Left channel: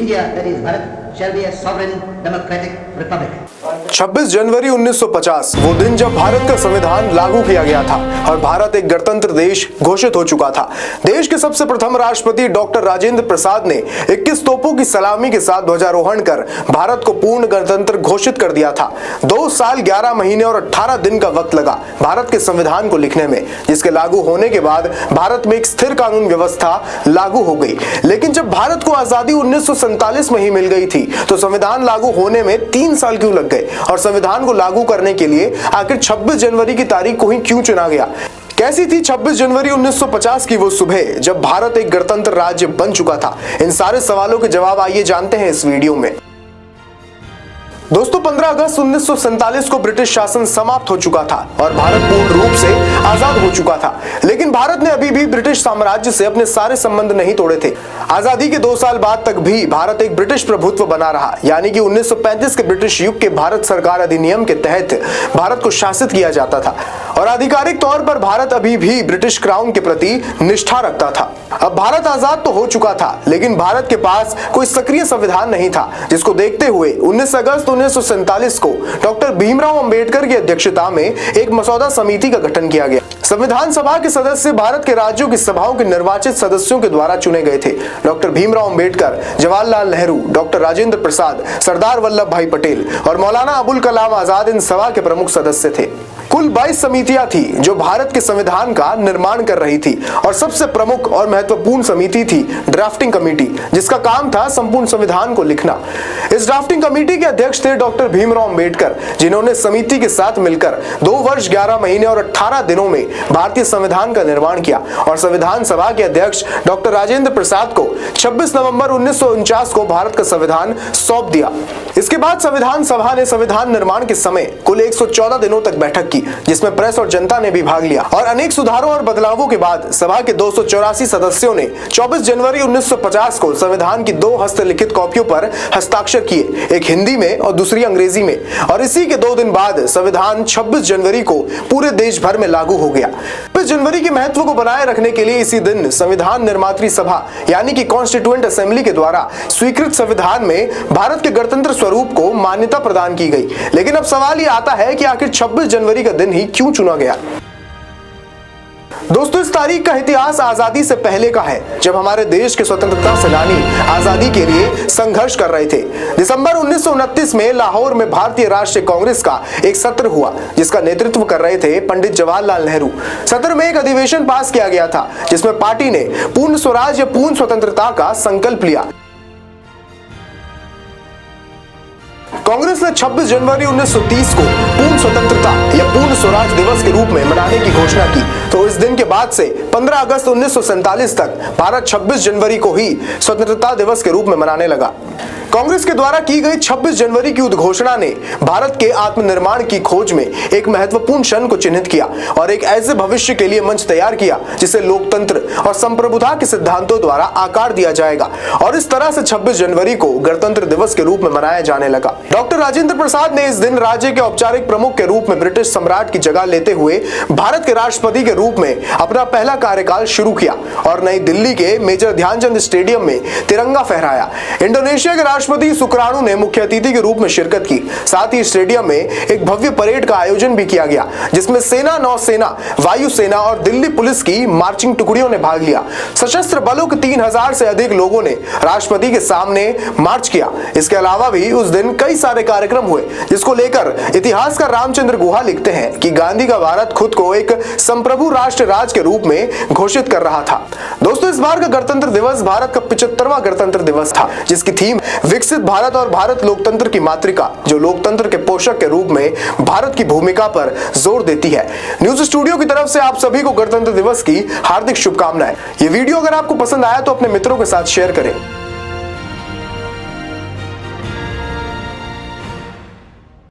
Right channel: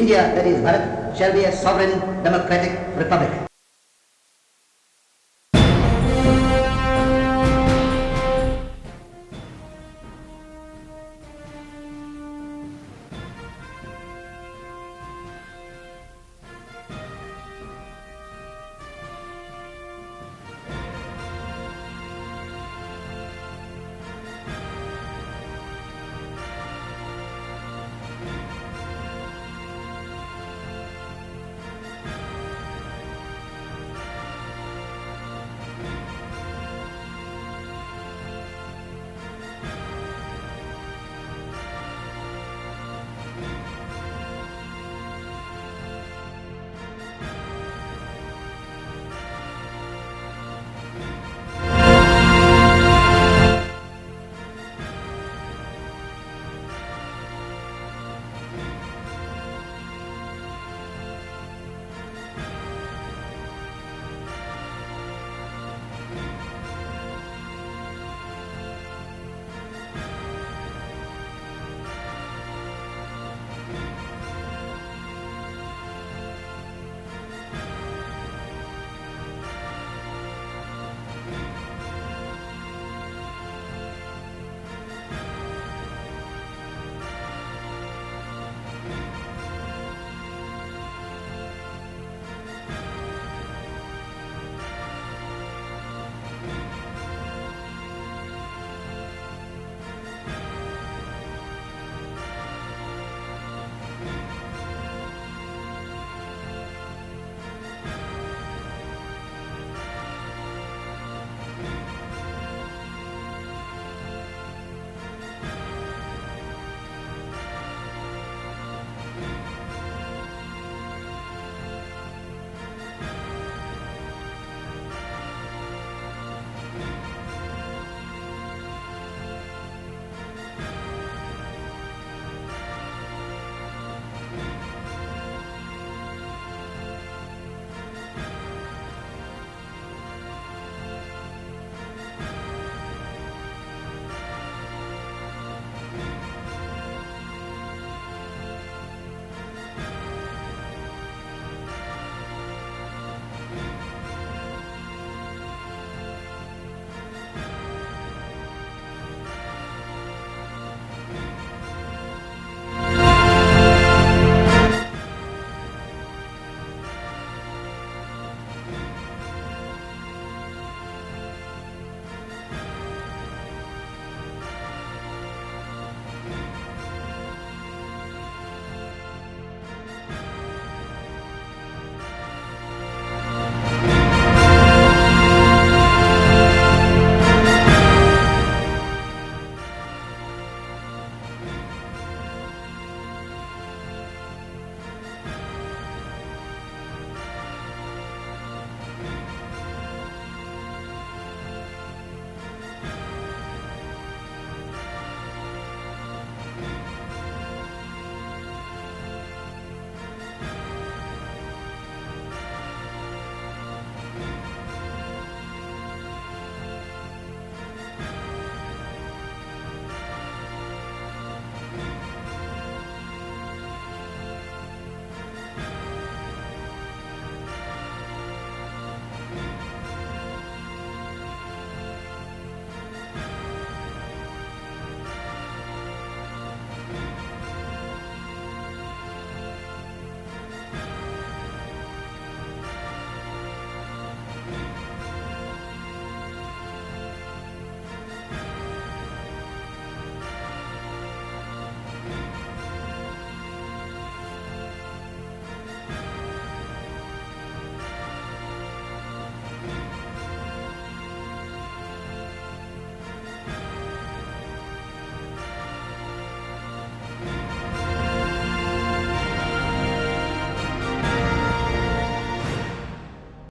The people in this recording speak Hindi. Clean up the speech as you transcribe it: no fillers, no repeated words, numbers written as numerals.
India, that is Bharat, shall be a sovereign democratic republic. 26 जनवरी 1950 वो दिन जब भारत का संविधान लागू किया गया था और भारत एक गणतंत्र देश घोषित हो चुका था। देश के सबसे प्रथम राष्ट्रपति डॉक्टर राजेंद्र प्रसाद ने 21 तोपों की सलामी के साथ ध्वजारोहण कर भारत को पूर्ण गणतंत्र घोषित कर दिया था। 2 साल 11 महीने और 18 दिन का वक्त लगा भारत के संविधान को लिखने में, जिसके लागू होने के बाद भारत में एक स्थिर कानून व्यवस्था लागू हो गई। लेकिन जब भारत को आजादी 1947 में ही मिल गई थी तो संविधान लागू होने में 3 साल क्यों लग गए और संविधान को लागू करने के लिए आखिर 26 जनवरी की तारीख को ही क्यों चुना गया? कैसी थी 26 जनवरी 1950 की वो सुबह जब भारत एक गणतंत्र राज्य बन चुका था? इन सारे सवालों के जवाब आइए जानते हैं इस वीडियो में। दोस्तों, 15 अगस्त 1947 को ब्रिटिश शासन समाप्त हो चुका था और भारत पूर्ण रूप से आजाद हो चुका था। लेकिन भारत ने अभी भी ब्रिटिश साम्राज्य से अपने सारे संबंध नहीं तोड़े थे। आजादी के 2 साल बाद तक भी भारत एक ब्रिटिश प्रभुत्व बना रहा, यानी कि 1935 के ब्रिटिश युग के भारत सरकार अधिनियम के तहत भारत को शासित किया जाता था और आधिकारिक तौर पर भारत अभी भी ब्रिटिश क्राउन के प्रति निष्ठा रखता था। अब भारत आजाद तो हो चुका था, लेकिन भारत के पास कोई सक्रिय संविधान नहीं था, जिसको देखते हुए 19 अगस्त 1947 को डॉक्टर भीमराव अंबेडकर की अध्यक्षता में एक मसौदा समिति का गठन किया गया। संविधान सभा के सदस्य भारत के राज्यों की सभाओं के निर्वाचित सदस्यों के द्वारा चुने गए थे। डॉक्टर भीमराव अंबेडकर, जवाहरलाल नेहरू, डॉक्टर राजेंद्र प्रसाद, सरदार वल्लभ भाई पटेल और मौलाना अबुल कलाम आजाद इन सभा के प्रमुख सदस्य थे। कुल 22 समितियां थी जो भारत के संविधान का निर्माण कर रही थी और सबसे प्रमुख और महत्वपूर्ण समिति थी ड्राफ्टिंग कमेटी, जिसका काम था संपूर्ण संविधान को लिखना। इस ड्राफ्टिंग कमेटी के अध्यक्ष थे डॉक्टर भीमराव अंबेडकर, जिन्होंने समिति के साथ मिलकर 2 वर्ष 11 महीने और 18 दिनों में भारतीय संविधान का निर्माण किया और संविधान सभा के अध्यक्ष डॉक्टर राजेंद्र प्रसाद को 26 नवंबर 1949 को भारत का संविधान सौंप दिया। इसके बाद संविधान सभा ने संविधान निर्माण के समय कुल 114 दिनों तक बैठक की, जिसमें प्रेस और जनता ने भी भाग लिया और अनेक सुधारों और बदलावों के बाद सभा के 284 सदस्यों ने 24 जनवरी 1950 को संविधान की 2 हस्तलिखित कॉपियों पर हस्ताक्षर किए, एक हिंदी में और दूसरी अंग्रेजी में, और इसी के 2 दिन बाद संविधान 26 जनवरी को पूरे देश भर में लागू हो गया। 26 जनवरी के महत्व को बनाए रखने के लिए इसी दिन संविधान निर्मात्री सभा यानी कि कॉन्स्टिट्यूएंट असेंबली के द्वारा स्वीकृत संविधान में भारत के गणतंत्र स्वरूप को मान्यता प्रदान की गई। लेकिन अब सवाल ये आता है कि आखिर 26 जनवरी का दिन ही क्यों चुना गया? दोस्तों, इस तारीख का इतिहास आजादी से पहले का है, जब हमारे देश के स्वतंत्रता सेनानी आजादी के लिए संघर्ष कर रहे थे। दिसंबर 1929 में लाहौर में भारतीय राष्ट्रीय कांग्रेस का एक सत्र हुआ, जिसका नेतृत्व कर रहे थे पंडित जवाहरलाल नेहरू। सत्र में एक अधिवेशन पास किया गया था, जिसमें पार्टी ने पूर्ण स्वराज या पूर्ण स्वतंत्रता का संकल्प लिया। कांग्रेस ने 26 जनवरी 1930 को पूर्ण स्वतंत्रता या पूर्ण स्वराज दिवस के रूप में मनाने की घोषणा की। तो इस दिन के बाद से 15 अगस्त 1947 तक भारत 26 जनवरी को ही स्वतंत्रता दिवस के रूप में मनाने लगा। कांग्रेस के द्वारा की गई 26 जनवरी की उद्घोषणा ने भारत के आत्मनिर्माण की खोज में एक महत्वपूर्ण क्षण को चिन्हित किया और एक ऐसे भविष्य के लिए मंच तैयार किया जिसे लोकतंत्र और संप्रभुता के सिद्धांतों द्वारा आकार दिया जाएगा, और इस तरह से 26 जनवरी को गणतंत्र दिवस के रूप में मनाया जाने लगा। डॉक्टर राजेंद्र प्रसाद ने इस दिन राज्य के औपचारिक प्रमुख के रूप में ब्रिटिश सम्राट की जगह लेते हुए भारत के राष्ट्रपति के रूप में अपना पहला कार्यकाल शुरू किया और नई दिल्ली के मेजर ध्यानचंद स्टेडियम में तिरंगा फहराया। इंडोनेशिया के राष्ट्रपति सुकरानू ने मुख्य अतिथि के रूप में शिरकत की। साथ ही स्टेडियम में एक भव्य परेड का आयोजन भी किया गया, जिसमें सेना, नौसेना, वायुसेना और दिल्ली पुलिस की मार्चिंग टुकड़ियों ने भाग लिया। सशस्त्र बलों के 3000 से अधिक लोगों ने राष्ट्रपति के सामने मार्च किया। इसके अलावा भी उस दिन कई सारे कार्यक्रम हुए, जिसको लेकर इतिहासकार रामचंद्र गुहा लिखते हैं कि गांधी का भारत खुद को एक संप्रभु राष्ट्र राज के रूप में घोषित कर रहा था। दोस्तों, इस बार का गणतंत्र दिवस भारत का 75वां गणतंत्र दिवस था, जिसकी थीम विकसित भारत और भारत लोकतंत्र की मातृका, जो लोकतंत्र के पोषक के रूप में भारत की भूमिका पर जोर देती है। न्यूज स्टूडियो की तरफ से आप सभी को गणतंत्र दिवस की हार्दिक शुभकामनाएं। ये वीडियो अगर आपको पसंद आया तो अपने मित्रों के साथ शेयर करें।